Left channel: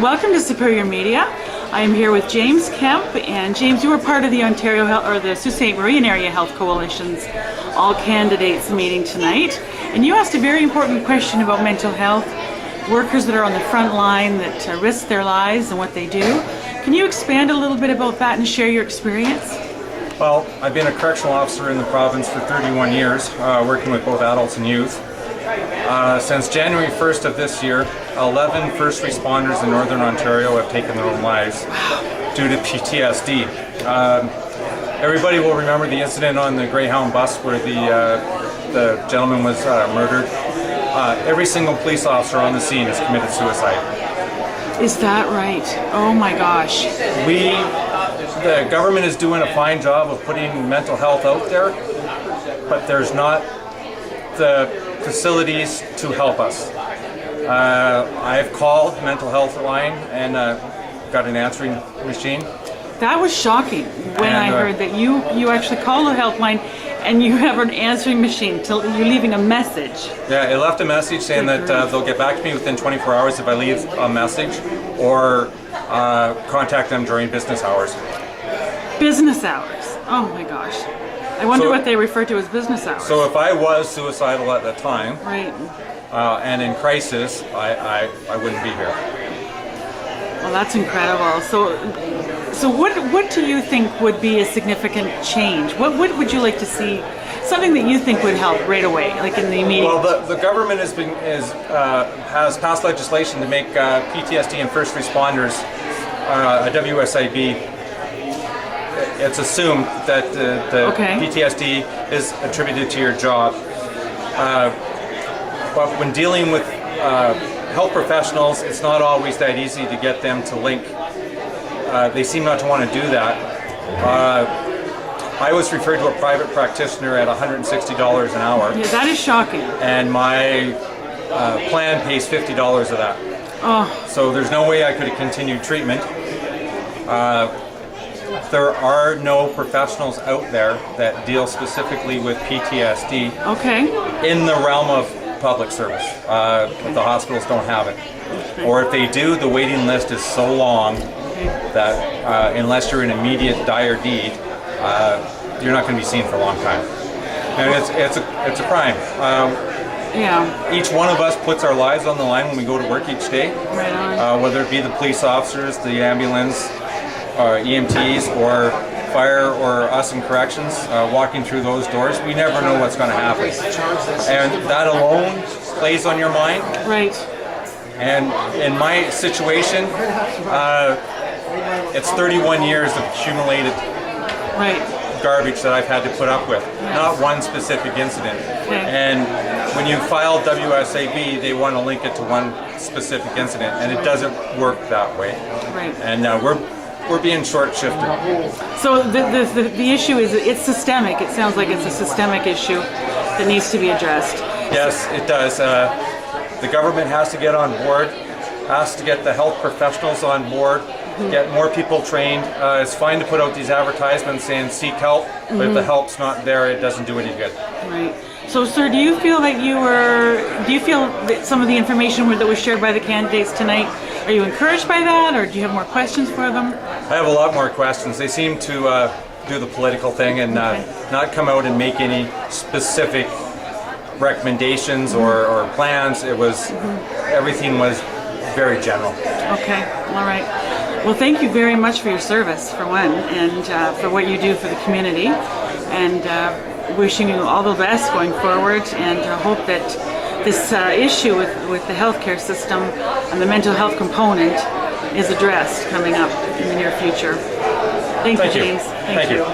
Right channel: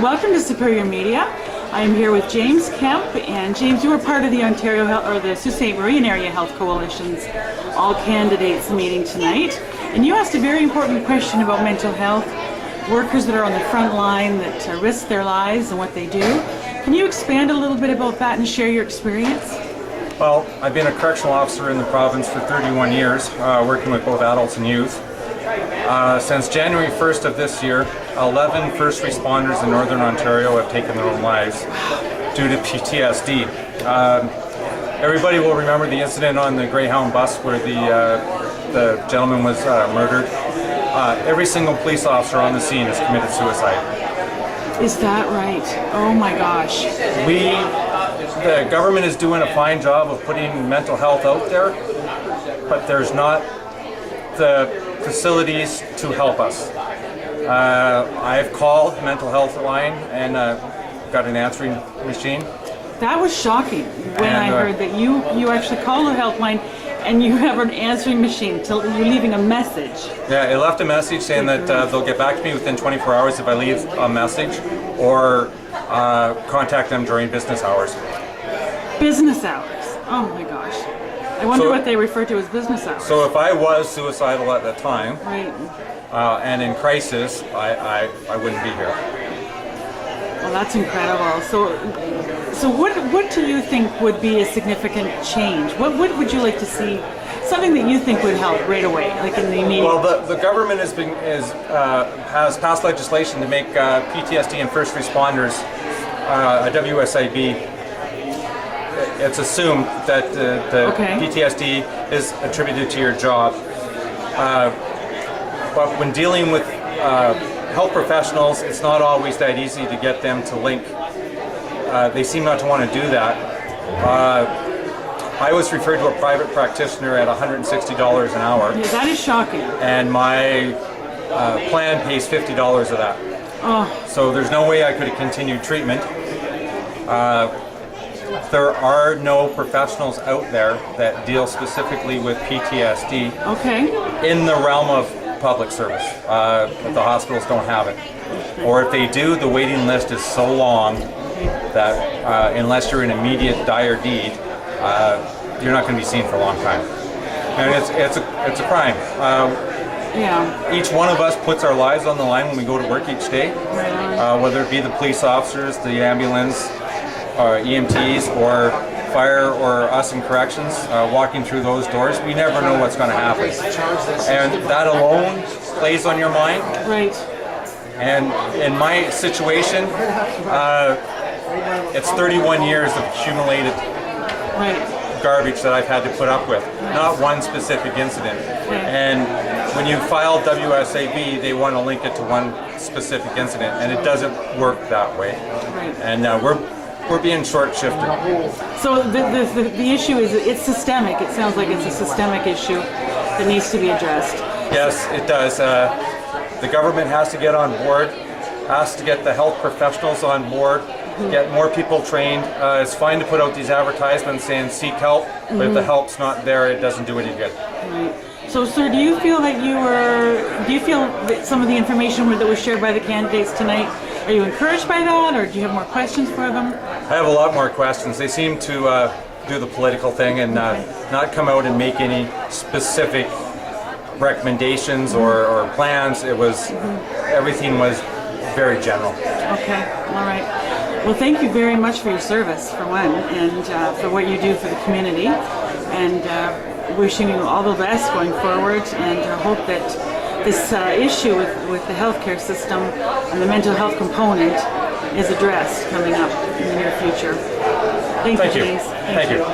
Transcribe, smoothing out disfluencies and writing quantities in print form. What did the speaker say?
welcome to Superior Media. I am here with James Kempe, and James, you were part of the Ontario Health, or the Sault Ste. Marie Area Health Coalition's all candidates meeting tonight, and you asked a very important question about mental health, workers that are on the front line that risk their lives and what they do. Can you expand a little bit about that and share your experience? Well, I've been a correctional officer in the province for 31 years, working with both adults and youth. Since January 1st of this year, 11 first responders in Northern Ontario have taken their own lives due to PTSD. Everybody will remember the incident on the Greyhound bus where the gentleman was murdered. Every single police officer on the scene has committed suicide. Is that right? Oh my gosh. The government is doing a fine job of putting mental health out there, but there's not the facilities to help us. I've called mental health line and got an answering machine. That was shocking when I heard that you actually call the helpline and you have an answering machine. You're leaving a message. Yeah, it left a message saying that they'll get back to me within 24 hours if I leave a message, or contact them during business hours. Business hours? Oh my gosh. I wonder what they refer to as business hours. So if I was suicidal at the time, right, and in crisis, I wouldn't be here. Well, that's incredible. So what do you think would be a significant change? What would you like to see? Something that you think would help right away, like in the immediate. Well, the government has passed legislation to make PTSD and first responders a WSIB. It's assumed that the PTSD is attributed to your job. But when dealing with health professionals, it's not always that easy to get them to link. They seem not to want to do that. I was referred to a private practitioner at $160 an hour. Yeah, that is shocking. And my plan pays $50 of that. Oh. So there's no way I could have continued treatment. There are no professionals out there that deal specifically with PTSD in the realm of public service. The hospitals don't have it. Or if they do, the waiting list is so long that unless you're in immediate dire need, you're not going to be seen for a long time. And it's a crime. Each one of us puts our lives on the line when we go to work each day, whether it be the police officers, the ambulance, or EMTs, or fire, or us in corrections, walking through those doors. We never know what's going to happen. And that alone plays on your mind. Right. And in my situation, it's 31 years of accumulated garbage that I've had to put up with, not one specific incident. And when you file WSAB, they want to link it to one specific incident, and it doesn't work that way. Right. And we're being short-shifted. So the issue is, it's systemic. It sounds like it's a systemic issue that needs to be addressed. Yes, it does. The government has to get on board, has to get the health professionals on board, get more people trained. It's fine to put out these advertisements saying seek help, but if the help's not there, it doesn't do any good. Right. So, sir, do you feel that some of the information that was shared by the candidates tonight, are you encouraged by that, or do you have more questions for them? I have a lot more questions. They seem to do the political thing and not come out and make any specific recommendations or plans. It was everything was very general. Okay, all right. Well, thank you very much for your service, for one, and for what you do for the community, and wishing you all the best going forward, and hope that this issue with the healthcare system and the mental health component is addressed coming up in the near future. Thank you, James. Thank you.